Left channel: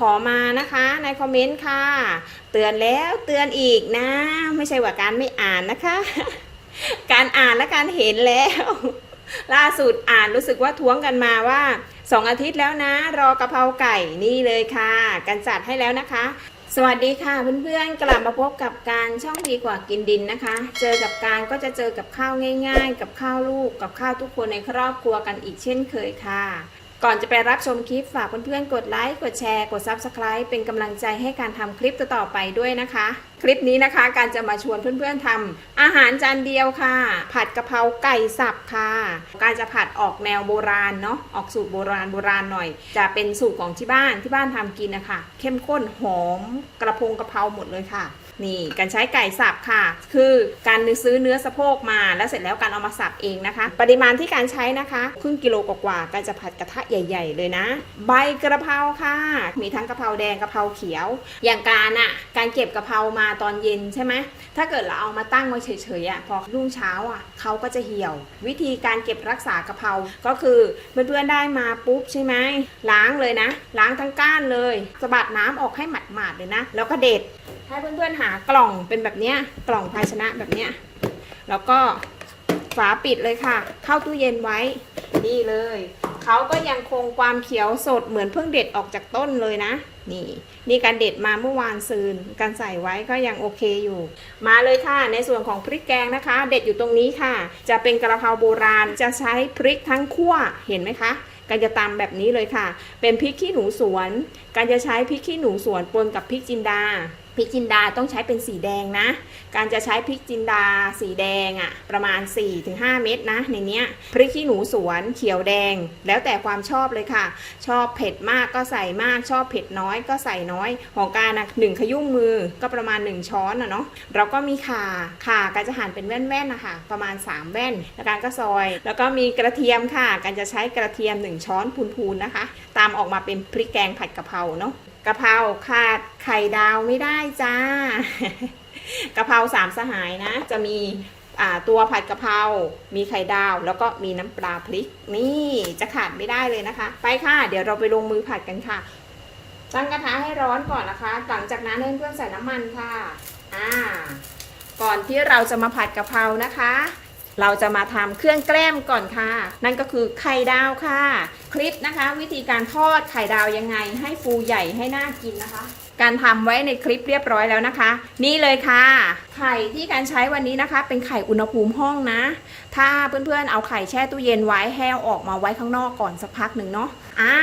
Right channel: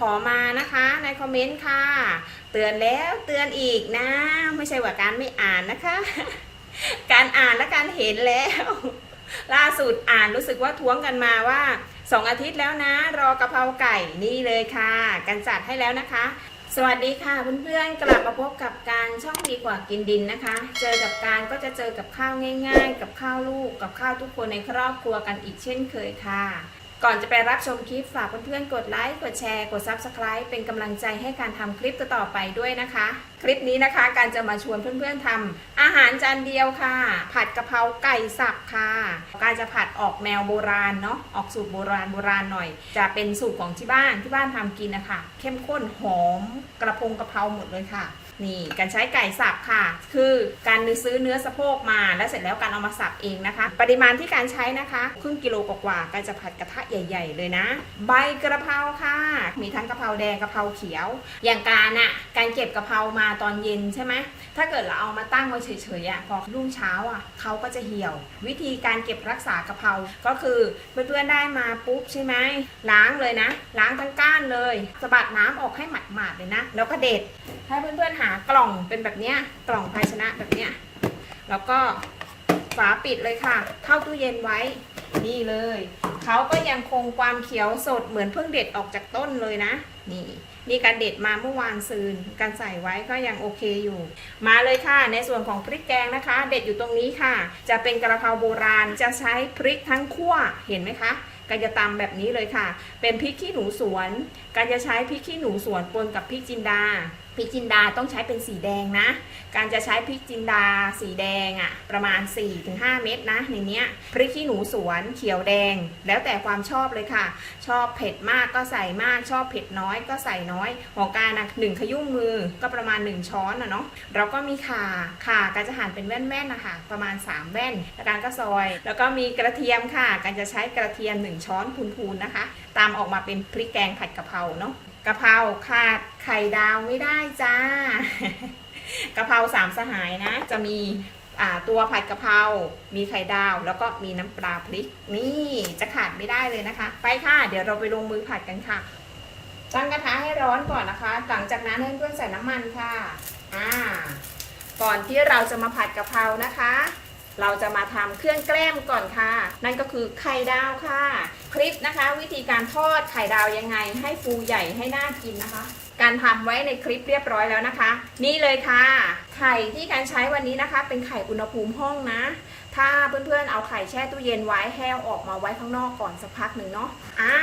ขอมานะคะในคอมเมนต์ค่ะ เตือนแล้วเตือนอีกนะ ไม่ใช่ว่าการไม่อ่านนะคะ การอ่านและการเห็นแล้ว ล่าสุดอ่านรู้สึกว่าท้วงกันมาว่าสองอาทิตย์แล้วนะ รอกะเพราไก่นี่เลยค่ะ กันจัดให้แล้วนะคะ สวัสดีค่ะเพื่อนๆกลับมาพบกับการช่องดีกว่ากินดินนะคะ เจอกับการก็จะเจอกับข้าวง่าย ๆ กับข้าวลูกกับข้าวทุกคนในครอบครัวกันอีกเช่นเคยค่ะ ก่อนจะไปรับชมคลิปฝากเพื่อนๆ กดไลค์ กดแชร์ กด Subscribe เป็นกำลังใจให้การทำคลิปต่อๆไปด้วยนะคะ คลิปนี้นะคะการจะมาชวนเพื่อนๆทำอาหารจานเดียวค่ะ ผัดกะเพราไก่สับค่ะ การจะผัดออกแนวโบราณเนาะ ออกสูตรโบราณโบราณหน่อย จะเป็นสูตรของที่บ้านที่บ้านทำกินนะคะ เข้มข้นหอมกระพงกะเพราหมดเลยค่ะ นี่การใช้ไก่สับค่ะ คือการซื้อเนื้อสะโพกมาแล้วเสร็จแล้วการเอามาสับเองนะคะ ปริมาณที่การใช้นะคะครึ่งกิโลกว่าๆการจะผัดกระทะใหญ่ ๆ เลยนะ ใบกระเพราค่ะ มีทั้งกระเพราแดงกระเพราเขียว อย่างการอะการเก็บกระเพรามาตอนเย็นใช่ไหมถ้าเกิดเราเอามาตั้งไว้เฉยๆอะพอรุ่งเช้าอะเขาก็จะเหี่ยว วิธีการเก็บรักษากระเพราก็คือเพื่อนๆได้มาปุ๊บใช่ไหมล้างเลยนะ ล้างทั้งก้านเลยสะบัดน้ำออกให้หมาดๆเลยนะ แล้วก็เด็ดถ้าเพื่อนๆหากล่องเป็นแบบเนี้ยกล่องภาชนะแบบเนี้ยแล้วก็ฝาปิดเลยค่ะ เข้าตู้เย็นไว้นี่เลย เขาก็ยังคงความเขียวสดเหมือนเพิ่งเด็ดออกจากต้นเลยนะ นี่ นี่การเด็ดมาเมื่อวานซืนการใส่ไว้ก็ยังโอเคอยู่ มาเลยค่ะ ในส่วนของพริกแกงนะคะ เด็ดอยู่ตรงนี้ค่ะ จะเป็นกระเพราโบราณจะใช้พริกทั้งคั่วเห็นไหมคะการจะตำแบบนี้เลยค่ะ เป็นพริกขี้หนูสวน การจะใช้พริกขี้หนูสวนปนกับพริกจินดา ริกจินดาต้องใช้เป็นสีแดงนะ การจะใช้พริกจินดาสีแดงอะ่ะประมาณ 4-5 เม็ดนะ ในเนี้ยพริกขี้หนูสวนเขียวแดง แล้วแต่ความชอบเลยค่ะ ชอบเผ็ดมากก็ใส่มากชอบเผ็ดน้อยก็ใส่น้อยของการนะหนึ่งขยุ่มมือก็ประมาณ 1 ช้อนนะเนาะเราก็มีข่าข่าการจะหั่นเป็นแว่นๆนะคะประมาณ 3 แว่นแล้วการก็ซอย แล้วก็มีกระเทียมค่ะ การจะใช้กระเทียม 1 ช้อนพูนๆนะคะ ตามออกมาเป็นพริกแกงผัดกะเพราเนาะ กะเพราขาดไข่ดาวไม่ได้จ้ากะเพราสามสหายนะ จะมีตัวผัดกะเพรา มีไข่ดาว แล้วก็มีน้ำปลาพริก นี่จะขาดไม่ได้เลยนะคะ ไปค่ะ เดี๋ยวเราไปลงมือผัดกันค่ะ ตั้งกระทะให้ร้อนก่อนนะคะ หลังจากนั้นเพื่อนๆใส่น้ำมันค่ะ อ่า ก่อนที่เราจะมาผัดกะเพรานะคะ เราจะมาทำเครื่องแกล้มก่อนค่ะ นั่นก็คือไข่ดาวค่ะ คลิปนะคะ วิธีการทอดไข่ดาวยังไง ให้ฟูใหญ่ให้น่ากินนะคะ การทำไว้ในคลิปเรียบร้อยแล้วนะคะ นี่เลยค่ะ ไข่ที่การใช้วันนี้นะคะ เป็นไข่อุณหภูมิห้องนะ ถ้าเพื่อนๆเอาไข่แช่ตู้เย็นไว้แห้วออกมาไว้ข้างนอกก่อนสักพักหนึ่งเนาะอ่า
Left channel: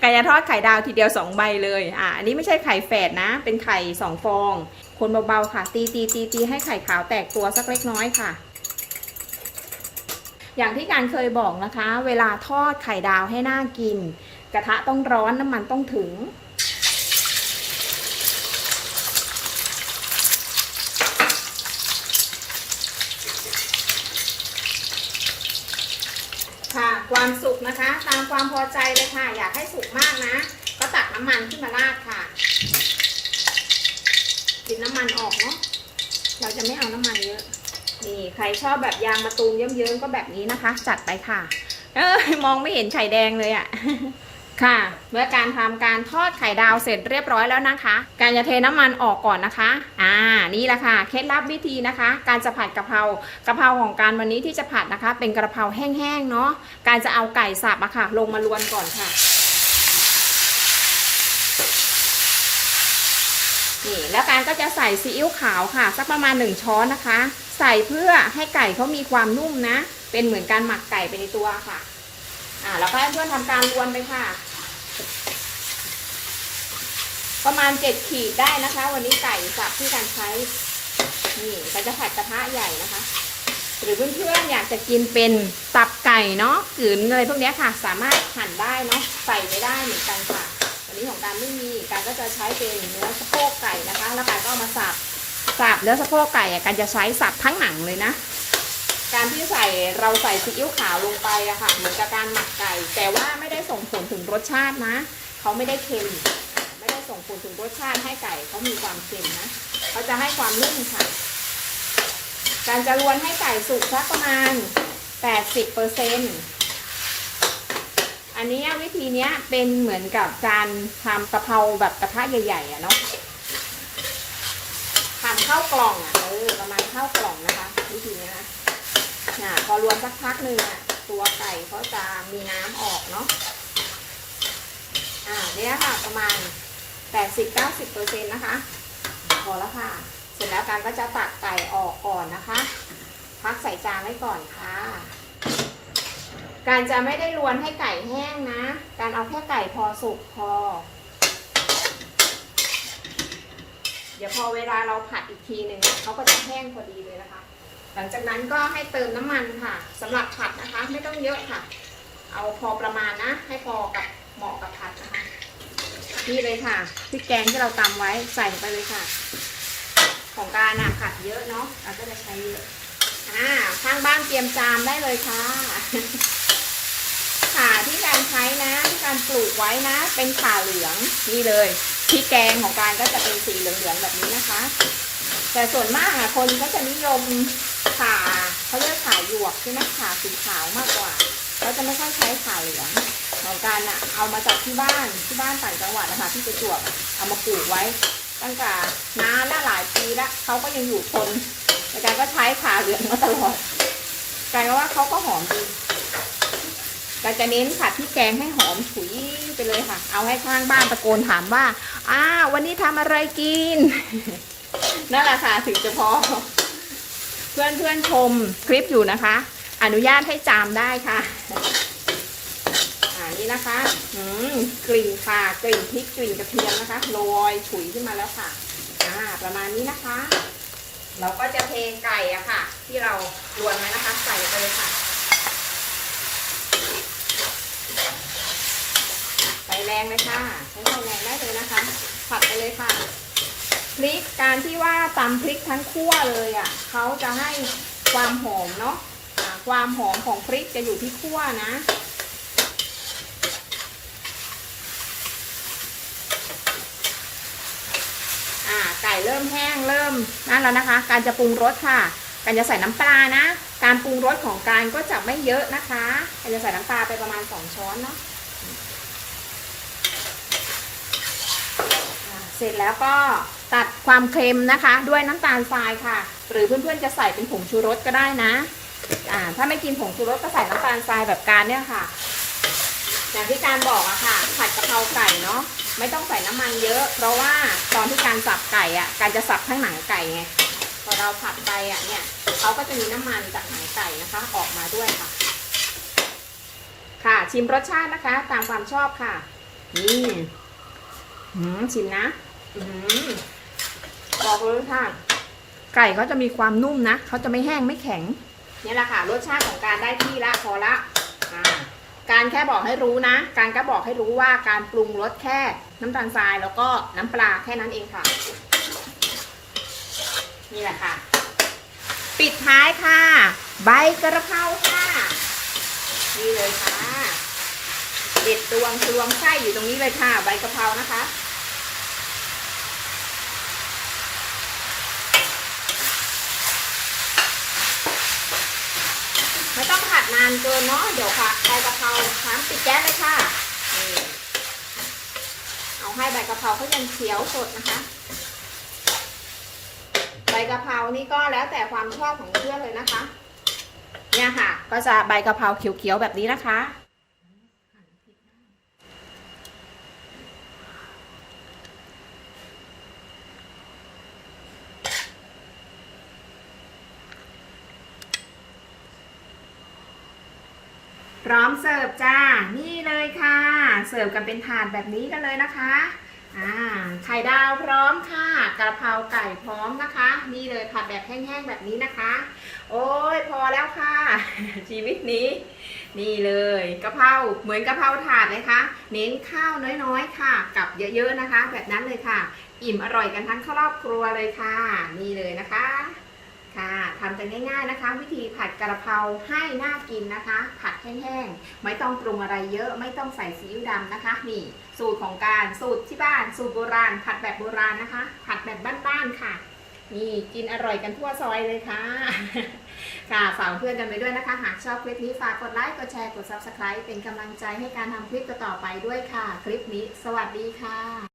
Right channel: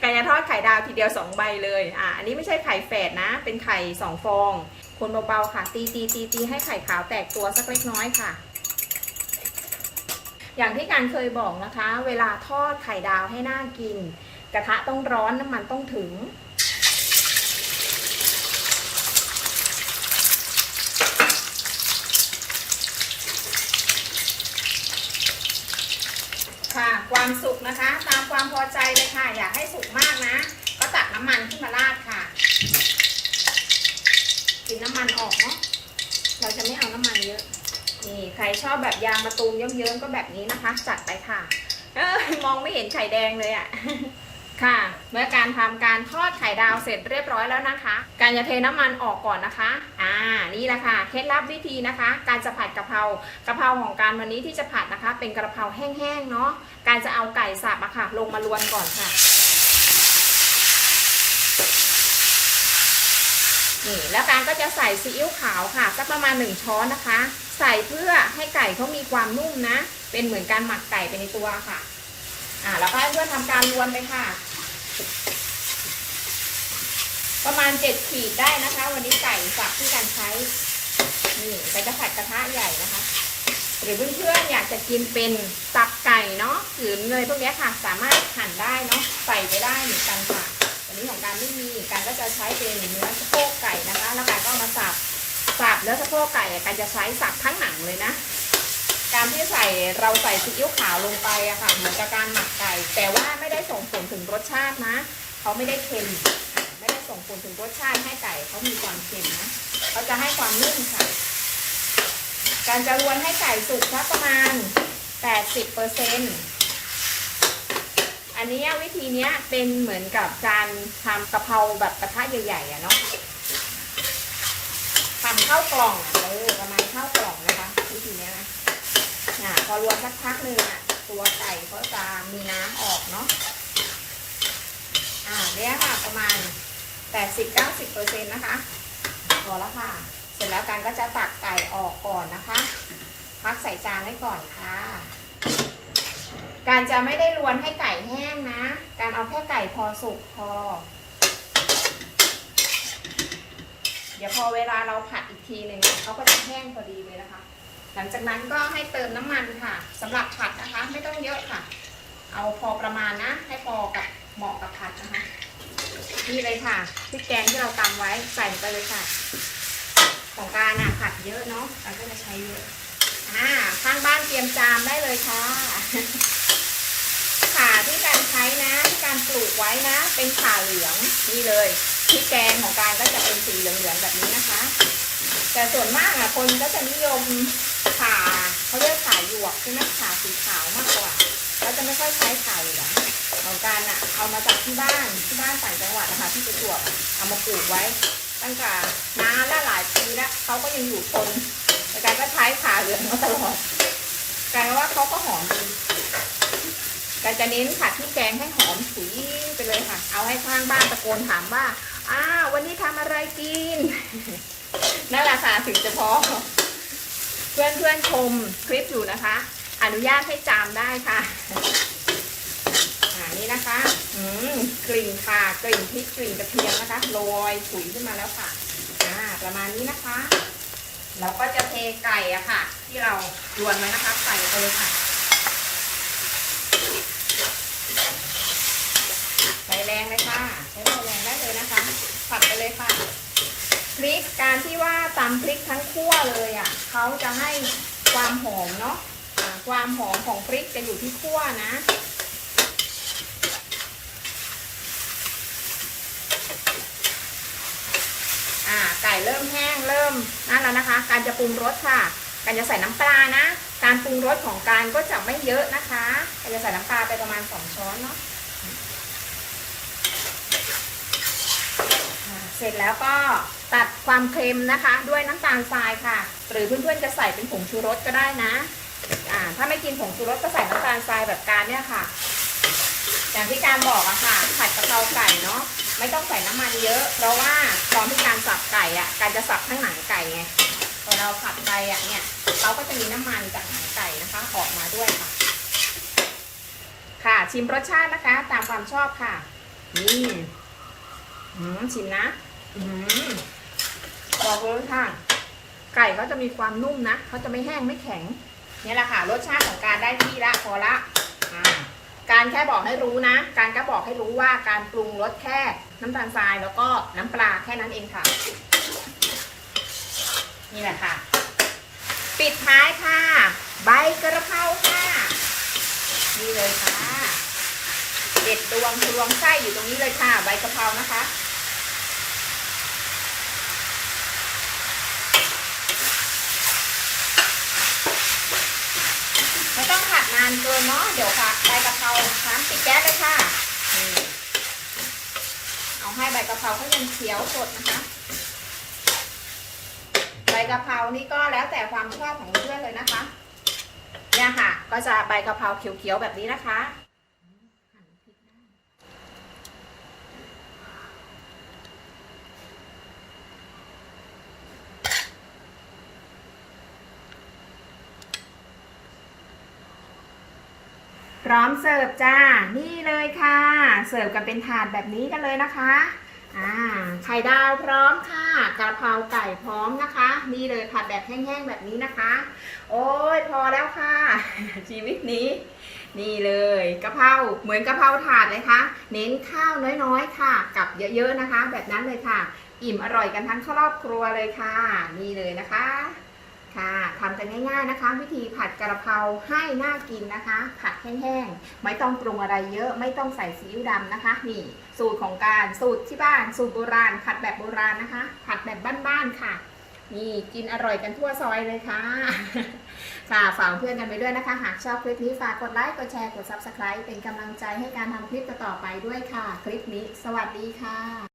ไก่จะทอดไข่ดาวทีเดียว 2 ใบเลยอ่าอันนี้ไม่ใช่ไข่แฝดนะ เป็นไข่2ฟอง คนเบาๆค่ะ ตีตีตีตีให้ไข่ขาวแตกตัวสักเล็กน้อยค่ะ อย่างที่การเคยบอกนะคะ เวลาทอดไข่ดาวให้น่ากิน กระทะต้องร้อนน้ำมันต้องถึง ค่ะความสุกนะคะ ตามความพอใจเลยค่ะ อยากให้สุกมากนะก็ตักน้ำมันขึ้นมาราดค่ะกินน้ำมันออกเนาะเราจะไม่เอาน้ำมัน ใครชอบแบบยางมะตูมเยิ้มๆก็แบบนี้นะคะ จัดไปค่ะ เออมองไม่เห็นไข่แดงเลยอะ่ะค่ะ เมื่อการทำการทอดไข่ดาวเสร็จเรียบร้อยแล้วนะคะ การจะเทน้ำมันออกก่อนนะคะ อ่า นี่แหละค่ะ เคล็ดลับวิธีนะคะ การจะผัดกะเพรากะเพราของการวันนี้ที่จะผัดนะคะ เป็นกระเพราแห้งๆเนาะ การจะเอาไก่สับอะค่ะ ลงมารวนก่อนค่ะ นี่แล้วการก็จะใส่ซีอิ๊วขาวค่ะ สักประมาณ 1 ช้อนนะคะ ใส่เพื่อให้ไก่เขามีความนุ่มนะ เป็นเหมือนการหมักไก่ไปในตัวค่ะ อ่าแล้วก็ให้เพื่อนทำการรวนไปค่ะ ประมาณ7ขีดได้นะคะ วันนี้ไก่สับที่การใช้นี่ก็จะผัดกระทะใหญ่นะคะ หรือเพื่อนๆอยากจะกินเป็นตับไก่เนาะกลืนเลยพวกนี้ค่ะ สามารถหั่นได้เนาะใส่ไปได้เหมือนกันค่ะอันนี้ของการไม่มีการก็จะใช้เป็นเนื้อสะโพกไก่นะคะ แล้วการก็เอามาสับ สับเนื้อสะโพกไก่การจะใช้สับทั้งหนังเลยนะ การที่ใส่เราใส่ซีอิ๊วขาวลงไปอะค่ะเหมือนกับการหมักไก่ แต่ว่าไม่ได้ส่งผลถึงรสชาตินะเขาไม่ได้เค็มไม่ได้ส่งผลถึงรสชาติให้ไก่เขามีความเค็มนะเขาจะให้ความนุ่มค่ะ การจะรวนให้ไก่สุกสักประมาณ 80เปอร์เซ็นต์อันนี้วิธีนี้เป็นเหมือนกับการทำกะเพราแบบกระทะใหญ่ๆอะเนาะ หั่นข้าวกล่องเออประมาณข้าวกล่องนะคะวิธีนี้นะอ่าพอรวมสักพักหนึ่งอะตัวไก่เขาจะมีน้ำออกเนาะอ่าเนี้ยค่ะประมาณ 80-90เปอร์เซ็นต์นะคะพอแล้วค่ะ เสร็จแล้วการก็จะตักไก่ออกก่อนนะคะ พักใส่จานไว้ก่อนค่ะ การจะไม่ได้รวนให้ไก่แห้งนะ การเอาแค่ไก่พอสุกพอ เดี๋ยวพอเวลาเราผัดอีกทีหนึ่งเขาก็จะแห้งพอดีเลยนะคะ หลังจากนั้นก็ให้เติมน้ำมันค่ะสำหรับผัดนะคะ ไม่ต้องเยอะค่ะ เอาพอประมาณนะ ให้พอกับเหมาะกับผัดนะคะนี่เลยค่ะพริกแกงที่เราตำไว้ใส่ลงไปเลยค่ะ ของการอะผัดเยอะเนาะเราก็จะใช้เยอะอ่าข้างบ้านเตรียมจามได้เลยค่ะ การใช้นะที่การปลูกไว้นะ เป็นขาเหลืองนี่เลยพริกแกงของการก็จะเป็นสีเหลืองๆแบบนี้นะคะ แต่ส่วนมากอะคนก็จะนิยมขาเขาเรียกขาหยวกใช่ไหมขาสีขาวมากกว่าเขาจะไม่ค่อยใช้ขาเหลืองเหมือนกันอะเอามาจากที่บ้านที่บ้านต่างจังหวัดนะคะที่ประจวบเอามาปลูกไว้ ตั้งแต่นานและหลายปีล้วเขาก็ยังอยู่คงแต่การก็ใช้ขาเหลืองมาตลอดกลายว่าเขาก็หอมดี กาจะเน้นผัดที่แกงให้หอมฉุยไปเลยค่ะ เอาให้ข้างบ้านตะโกนถามว่าอ้าววันนี้ทำอะไรกิน นั่นแหละค่ะถึงจะพอ เพื่อนเพื่อนๆชมคลิปอยู่นะคะ อนุญาตให้จามได้ค่ะอ่านี่นะคะกลิ่นค่ะกลิ่นพริกกลิ่นกระเทียมนะคะโรยฉุยขึ้นมาแล้วค่ะอ่าประมาณนี้นะคะ เราก็จะเทไก่อะค่ะ ที่เรารวนไว้นะคะใส่ไปเลยค่ะไฟแรงเลยค่ะใช้ไฟแรงได้เลยนะคะผัดไปเลยค่ะพริกการที่ว่า ตำพริกทั้งคั่วเลยอะเขาจะให้ความหอมเนาะความหอมของพริกจะอยู่ที่คั่วนะอ่าไก่เริ่มแห้งเริ่มนั่นแล้วนะคะ การจะปรุงรสค่ะ การจะใส่น้ำปลานะ การปรุงรสของการก็จะไม่เยอะนะคะการจะใส่น้ำปลาไปประมาณสองช้อนเนาะเสร็จแล้วก็ ตัดความเค็มนะคะ ด้วยน้ำตาลทรายค่ะ หรือเพื่อนๆจะใส่เป็นผงชูรสก็ได้นะอ่าถ้าไม่กินผงชูรสก็ใส่น้ำตาลทรายแบบการเนี่ยค่ะ อย่างที่การบอกอะค่ะผัดกะเพราไก่เนาะไม่ต้องใส่น้ำมันเยอะ เพราะว่าตอนที่การสับไก่อะการจะสับข้างหนังไก่ไงพอเราผัดไปอะเนี่ยเขาก็จะมีน้ำมันจากหนังไก่นะคะออกมาด้วยค่ะ ค่ะชิมรสชาตินะคะ ตามความชอบค่ะนี่อืมชิมนะ อืม บอกเลยค่ะ ไก่เขาจะมีความนุ่มนะเขาจะไม่แห้งไม่แข็ง เนี่ยแหละค่ะ รสชาติของการได้ที่ละพอละอการแค่บอกให้รู้นะ การก็บอกให้รู้ว่าการปรุงรสแค่น้ำตาลทรายแล้วก็น้ำปลาแค่นั้นเองค่ะ นี่แหละค่ะ ปิดท้ายค่ะ ใบกระเพราค่ะ นี่เลยค่ะเด็ดตวงทวงไส้อยู่ตรงนี้เลยค่ะ ใบกระเพรานะคะ ไม่ต้องผัดนานเกินเนาะเดี๋ยวค่ะใบกะเพราน้ำติดแก๊สเลยค่ะเอาให้ใบกะเพราเขายังเขียวสดนะคะใบกะเพรานี่ก็แล้วแต่ความชอบของเพื่อนเลยนะคะ เนี่ยค่ะ ก็จะใบกะเพราเขียวๆแบบนี้นะคะ พร้อมเสิร์ฟจ้า นี่เลยค่ะ เสิร์ฟกันเป็นถาดแบบนี้กันเลยนะคะอ่าไข่ดาวพร้อมค่ะกระเพราไก่พร้อมนะคะ นี่เลยผัดแบบแห้งๆแบบนี้นะคะ โอ้ยพอแล้วค่ะ ชีวิตนี้ นี่เลยกะเพราเหมือนกะเพราถาดเลยค่ะเน้นข้าวน้อยๆค่ะ กับเยอะๆนะคะ แบบนั้นเลยค่ะ อิ่มอร่อยกันทั้งครอบครัวเลยค่ะ นี่เลยนะคะ ค่ะทำกันง่ายๆนะคะ วิธีผัดกระเพราให้น่ากินนะคะ ผัดแห้งๆไม่ต้องปรุงอะไรเยอะไม่ต้องใส่ซีอิ๊วดำนะคะ นี่ สูตรของการสูตรที่บ้าน สูตรโบราณ ผัดแบบโบราณนะคะ ผัดแบบบ้านๆค่ะ นี่กินอร่อยกันทั่วซอยเลยค่ะ ค่ะฝากเพื่อนกันไปด้วยนะคะ หากชอบคลิปนี้ฝากกดไลค์กดแชร์กด Subscribe เป็นกำลังใจให้การทำคลิปต่อๆไปด้วยค่ะ คลิปนี้ สวัสดีค่ะ